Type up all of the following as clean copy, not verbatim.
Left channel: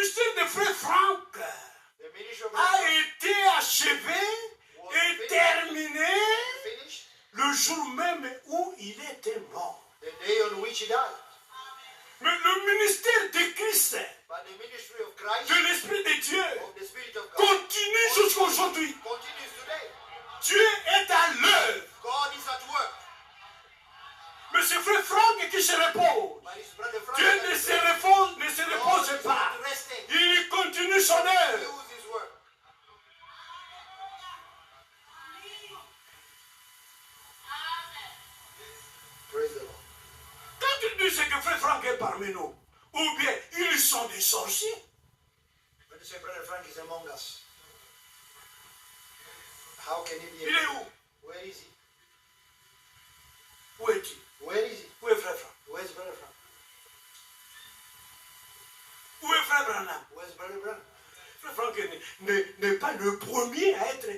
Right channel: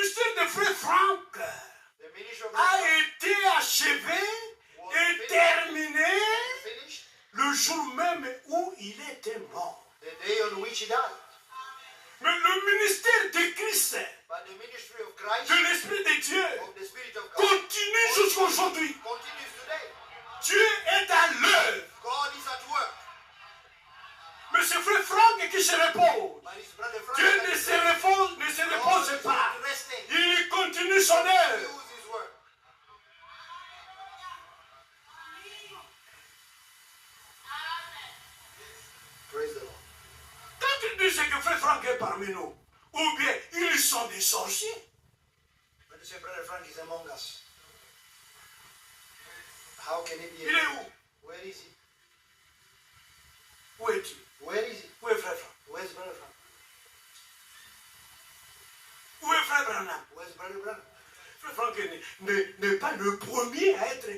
ministère de Frère Franck a été achevé et terminé le jour même où il était mort. The day on which he died. Mais le ministère de Christ, But the ministry of Christ, de l'Esprit de Dieu, of the Spirit of God, continue jusqu'aujourd'hui. continues today. Dieu est à l'œuvre. God is at work. Mais c'est Frère Franck qui se repose. But his brother Frank Dieu ne se repose pas. Il continue son œuvre. use his work. Praise the Lord. Quand il dit que Frère Franck est parmi nous, ou bien ils sont des sorciers, When you say brother Frank is among us, how can he be? il est où? Where is he? Où est-il? Where is he? Où est Frère Franck? Where's brother Frank? Où est Frère Branham? Where's brother Branham? Frère Franck n'est pas le premier à être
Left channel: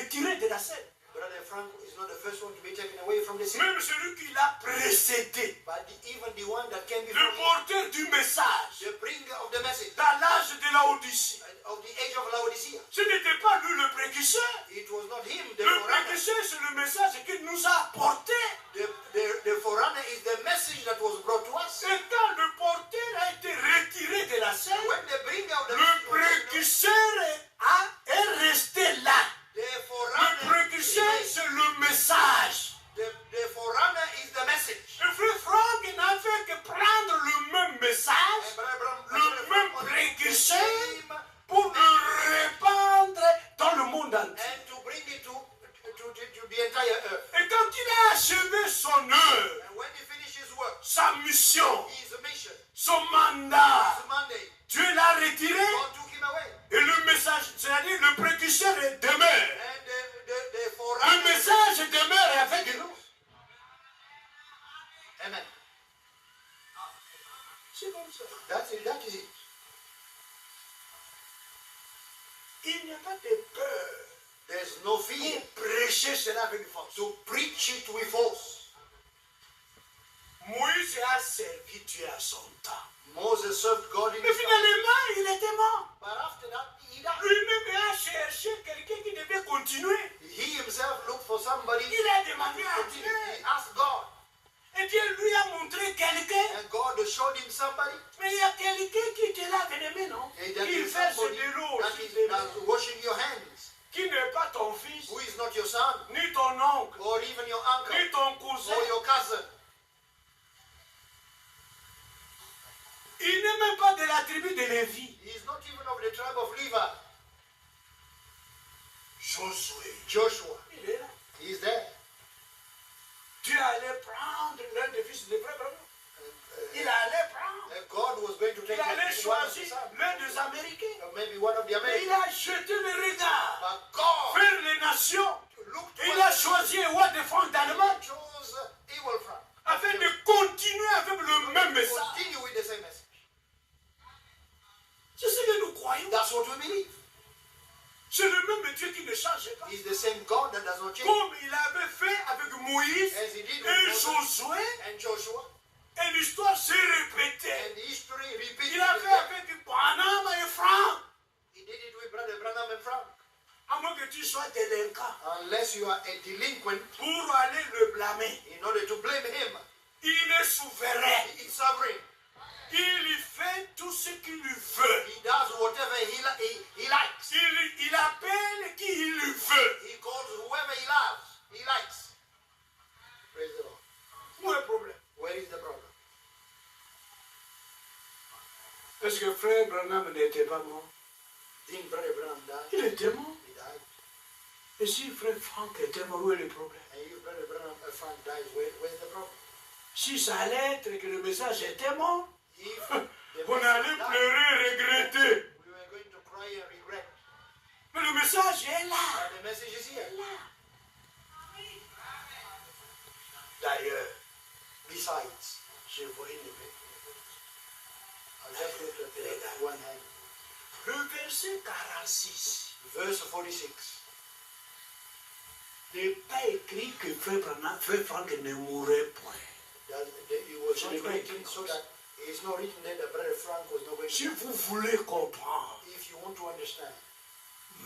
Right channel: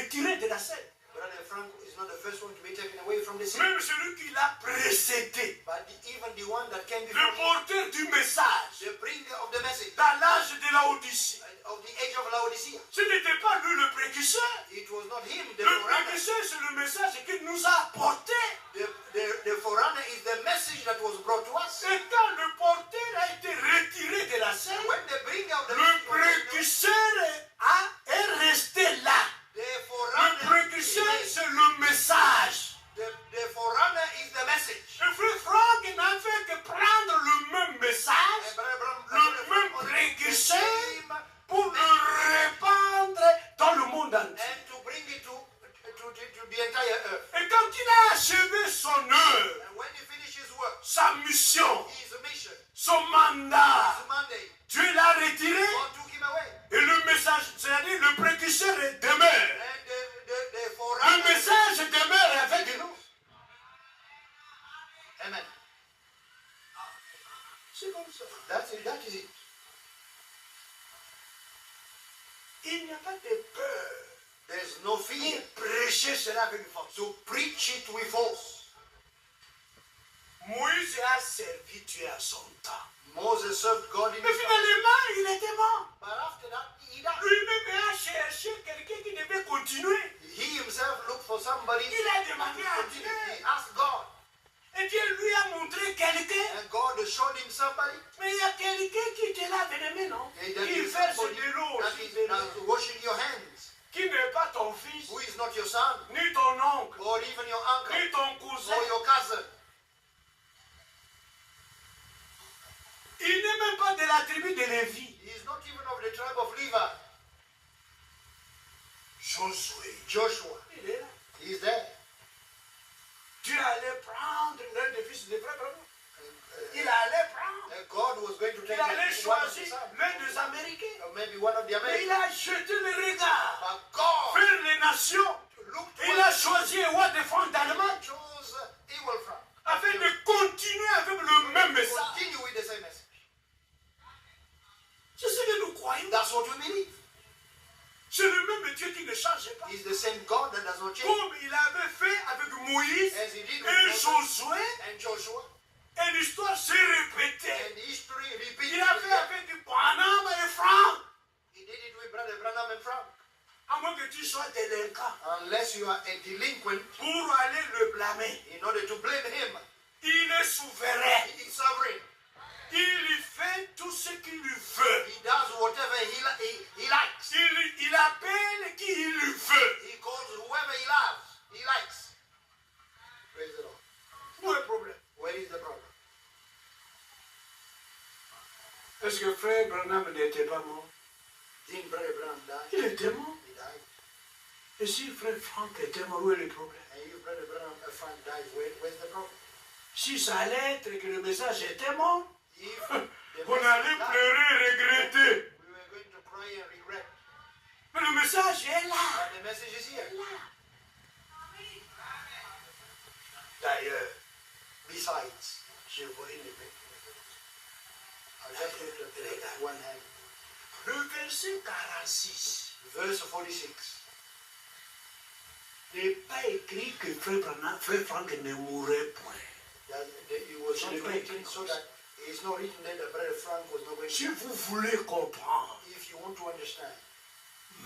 retiré de la scène. Brother Frank is not the first one to be taken away from the scene, Même celui qui l'a précédé, even the one that came le before him, porteur du message, the bringer of the message, dans l'âge de la Odyssée. of the age of Laodicea. Ce n'était pas lui le précurseur. It was not him, the Le forerunner. précurseur, c'est le message qu'il nous a apporté. The forerunner is the message that was brought to us. Et quand le porteur a été retiré de la scène, When the bringer of the le message was taken, précurseur est resté là. the Le forerunner, précurseur, c'est le message. the forerunner is the message. Le frère Franck n'a fait que prendre le même message, And Brother Branham- le même the précurseur, same pour le répandre dans le monde entier. and to bring it to the entire earth. Et quand il a achevé son œuvre, And when he finished his work, sa mission, his mission, son mandat, his mandate, Dieu l'a retiré God took him away. et le message, c'est-à-dire le précurseur demeure. And the Le forerunner, message demeure avec nous. amen. C'est comme ça. That's it. That is it. Il n'y a pas de peur There's no fear pour prêcher cela avec force. to preach it with force. Moïse a servi Dieu à son temps. Moses served God in Mais his time. finalement, il était mort. But after that, he died. Lui-même a cherché quelqu'un qui devait continuer. He himself looked for somebody. Il a demandé à He Dieu. asked God. Et Dieu lui a montré quelqu'un. And God showed him somebody. Mais il y a quelqu'un qui te lave les mains, non? And that Qui is fait ce somebody vélo, that is washing your hands. qui n'est pas ton fils, Who is not your son, ni ton oncle, or even your uncle, ni ton cousin. or your cousin. Il n'est même pas de la tribu de Lévi. He is not even of the tribe of Levi. Josué. Joshua. Il est là. He is there. Dieu allait prendre l'un des fils de frère Branham. Il allait prendre. And God was going to Il take allait one of choisir his sons, l'un des Américains. or maybe one of the Et Americans. il a jeté le regard But God vers les nations. looked Et il a choisi un roi de France d'Allemagne chose evil from. afin de continuer avec le même message. Continue with the same message. C'est ce que nous croyons. That's what we believe. C'est le même Dieu qui ne change pas. He's the same God that does not change. Comme il avait fait avec Moïse As he did with et Moses Josué, and Joshua. et l'histoire s'est répétée. And history repeats Il a fait itself. avec Branham et Franck. He did it with Brother Branham and Frank. À moins que tu sois délinquant Unless you are a delinquent, pour aller le blâmer. in order to blame him, Il est souverain. he is sovereign. Il fait tout ce qu'il veut. He does whatever he likes. Il appelle qui il veut. He calls whoever he loves. He likes. Praise the Lord. Où est le problème? Where is the problem? Est-ce que frère Branham n'était pas mort? Didn't Brother Branham die? Il était mort. He died. Et si frère Franck était mort, où est le problème? And if Brother Branham Frank dies, where's the problem? Si ça allait être que le message était mort, If the on allait message died, pleurer, regretter. we were going to cry and regret. Mais le message est là. But the message is here. D'ailleurs, Besides, je vois une I just looked at the one hand. Le verset 46 Verse 46. n'est pas écrit que frère Franck ne mourrait point. It was Je not n'ai pas written écrit so comme ça. that it's not written there that Brother Frank was not going Si to. vous voulez comprendre, If you want to understand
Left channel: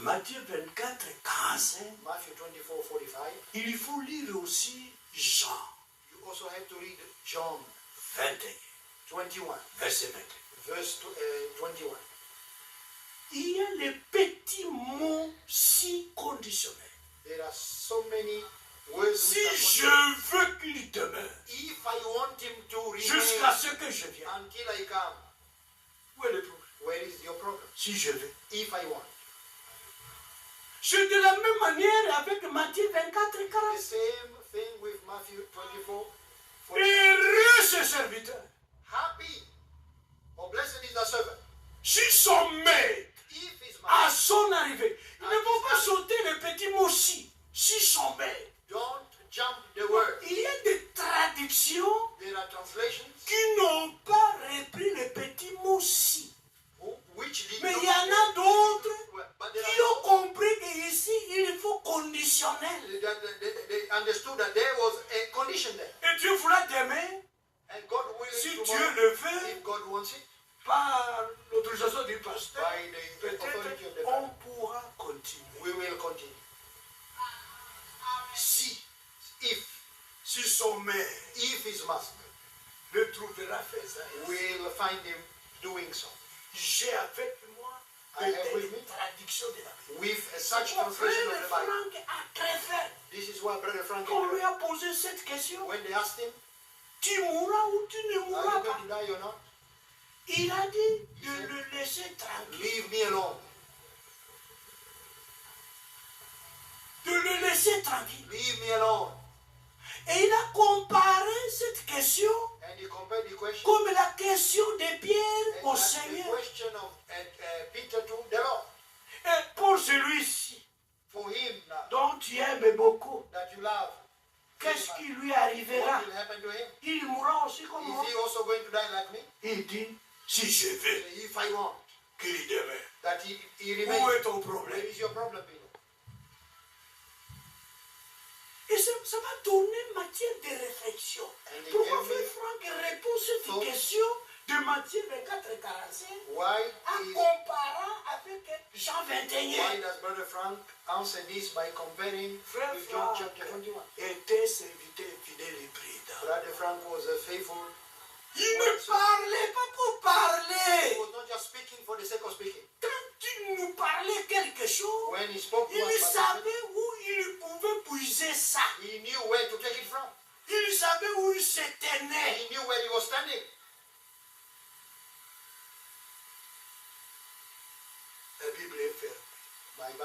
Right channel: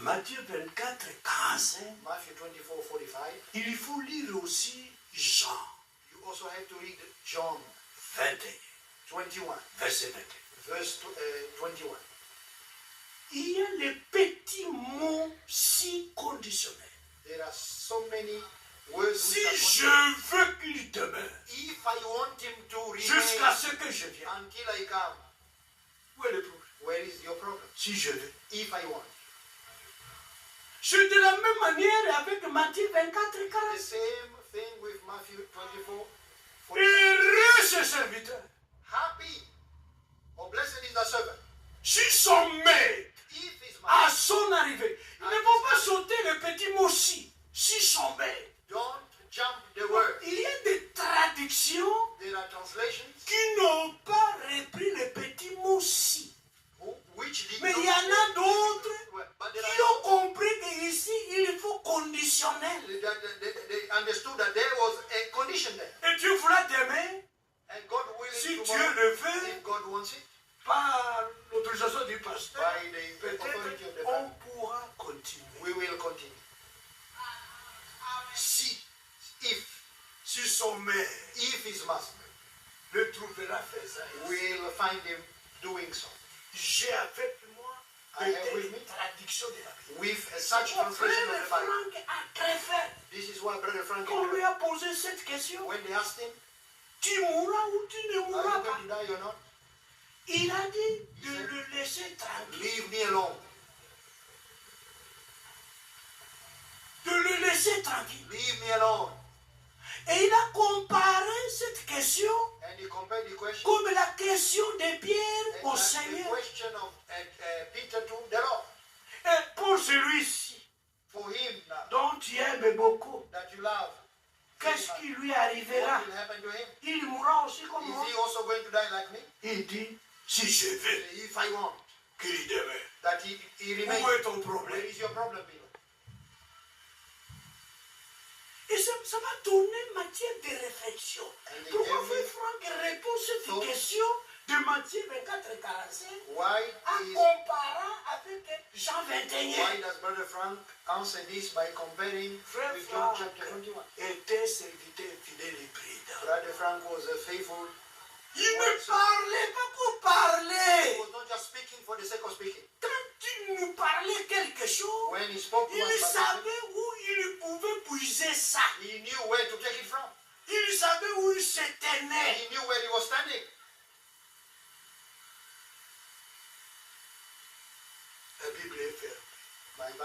Matthieu 24, 45, Matthew 24:45, il faut lire aussi Jean you also have to read John 21, 21, verset 21. verse 21. Il y a les petits mots si conditionnels. There are so many words. Si which are je veux qu'il demeure if I want him to jusqu'à remain ce que je vienne, until I come, où est le problème? where is your problem? Si je veux. If I want. C'est de la même manière avec Matthieu 24, The 40. same thing with Matthew 24. 45. Heureux ce serviteur. Happy or blessed is the servant. Si son maître, If his à master, son arrivée, il ne faut pas sauter le petit mot si son maître. don't jump the word. Il y a des traductions There are translations qui n'ont pas repris le petit mot si. which did Mais not. il y en a d'autres But there qui ont are compris qu'ici, il faut conditionnel. they understood that there was a condition there. Et Dieu voulait t'aimer And God willing si Dieu tomorrow, le veut, if God wants it, par l'autorisation du pasteur. by the authority of the Peut-être on Bible, pourra continuer. we will continue. Si If son maître his master le trouvera faisant, will find him doing so. j'ai avec moi I have with peut-être me une traduction de la Bible. with such Mon translation frère of the Bible. Franck a très fait. This is why Brother Frank, On lui a posé cette question. when they asked him, Tu mourras ou tu ne are you mourras pas? going to die or not? Il a dit de le laisser tranquille. Leave me alone. De le laisser tranquille. Leave me alone. Et il a comparé cette question And he compared the question comme la question de Pierre au and the Seigneur. question of Peter to the Lord. Et pour celui-ci, For him now, dont tu aimes beaucoup, that you love, qu'est-ce qui lui what arrivera? will happen to him? Il mourra aussi comme moi. Is he also going to die like me? Il dit, si je veux If I want qu'il demeure, that he où remains, est ton where problème? is your problem, Peter? Et ça va tourner matière de réflexion. And he Pourquoi gave me- Frère Franck répond cette So- question de Matthieu 24, 45 Why en is comparant avec Jean why 21? does Brother Frank answer this by comparing Frère with John Franck chapter 21? était serviteur fidèle et prudent. Brother Frank was a faithful. Il ne parlait pas pour He parler. was not just speaking for the sake of speaking. Quand il nous parlait quelque chose, When he spoke to il us, savait où il pouvait puiser ça. he knew where to take it from. Il savait où il se And tenait. he knew where he was standing. La Bible est fermée. My Bible